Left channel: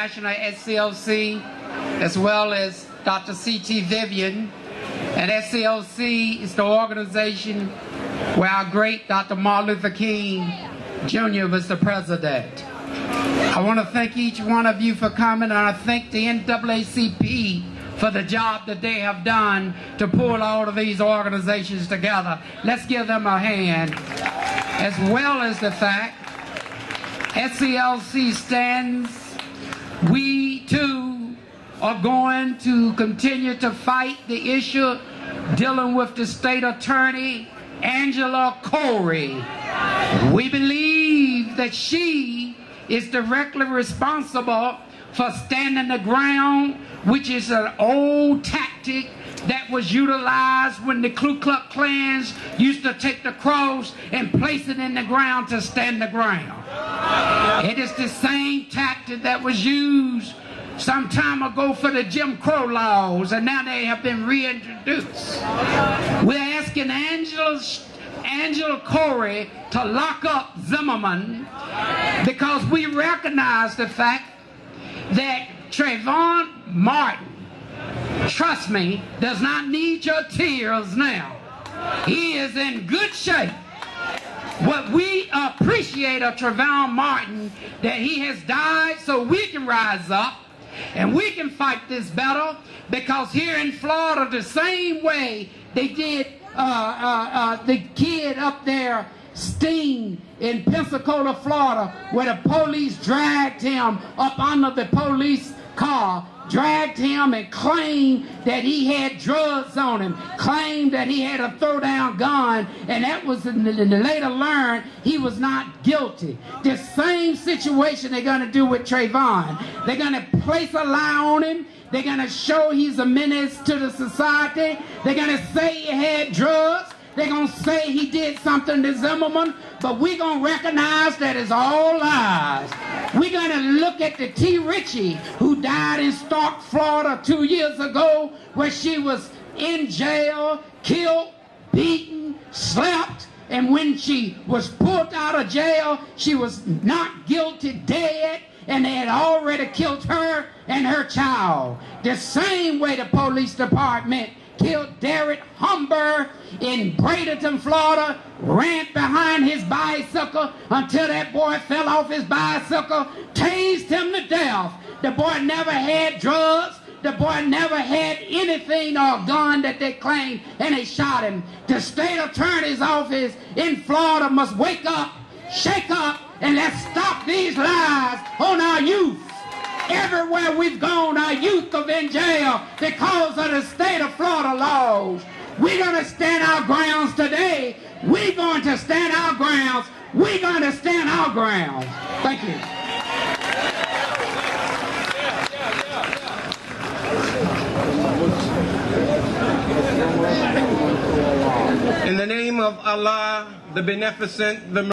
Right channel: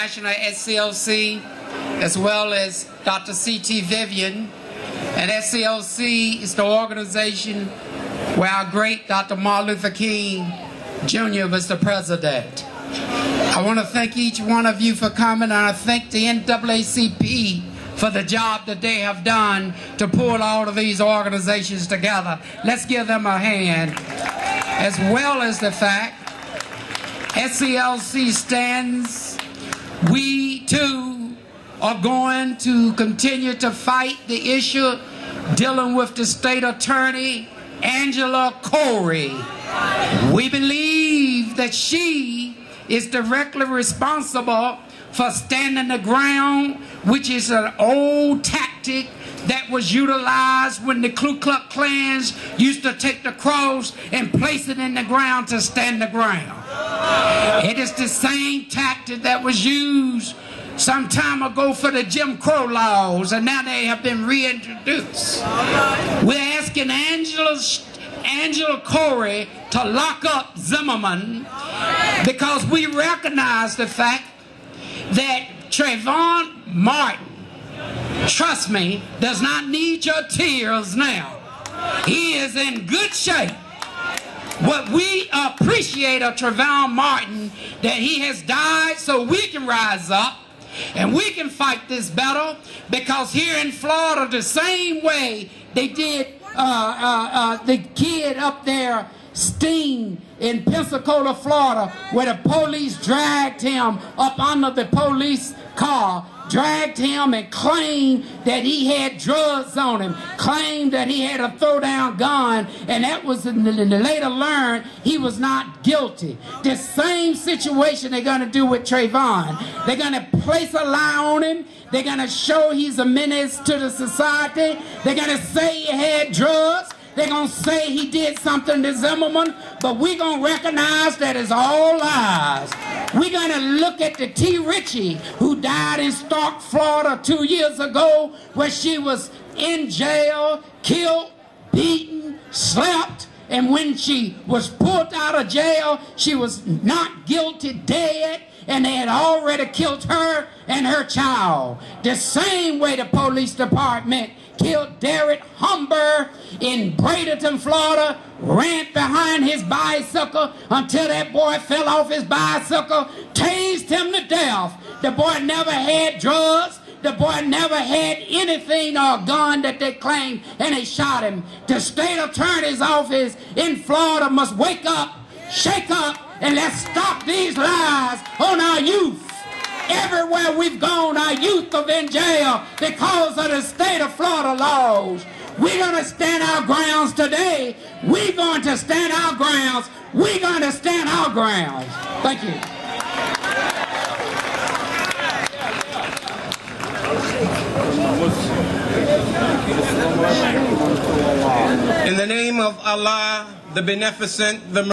National SCLC, as well as Dr. C.T. Vivian. And SCLC is the organization where our great Dr. Martin Luther King Jr. was the president. I want to thank each one of you for coming, and I thank the NAACP for the job that they have done to pull all of these organizations together. Let's give them a hand. As well as the fact SCLC stands, we too are going to continue to fight the issue dealing with the state attorney, Angela Corey. We believe that she is directly responsible for standing the ground, which is an old tactic that was utilized when the Ku Klux Klans used to take the cross and place it in the ground to stand the ground. It is the same tactic that was used some time ago for the Jim Crow laws, and now they have been reintroduced. We're asking Angela Corey to lock up Zimmerman because we recognize the fact that Trayvon Martin, trust me, does not need your tears now. He is in good shape. What we appreciate of Trayvon Martin, that he has died so we can rise up and we can fight this battle, because here in Florida, the same way they did the kid up there, Steen, in Pensacola, Florida, where the police dragged him up under the police car, dragged him and claimed that he had drugs on him, claimed that he had a throw-down gun, and that was later learned he was not guilty. The same situation they're going to do with Trayvon. They're going to place a lie on him. They're going to show he's a menace to the society. They're going to say he had drugs. They're going to say he did something to Zimmerman, but we're going to recognize that it's all lies. We're going to look at the T. Ritchie, who died in Stark, Florida 2 years ago, where she was in jail, killed, beaten, slapped, and when she was pulled out of jail, she was not guilty, dead, and they had already killed her and her child. The same way the police department killed Derek Humber in Bradenton, Florida, ran behind his bicycle until that boy fell off his bicycle, tased him to death. The boy never had drugs. The boy never had anything or a gun that they claimed, and they shot him. The state attorney's office in Florida must wake up, shake up, and let's stop these lies on our youth. Everywhere we've gone, our youth are in jail because of the state of Florida laws. We're going to stand our grounds today. We're going to stand our grounds. We're going to stand our grounds. Thank you. In the name of Allah, the Beneficent, the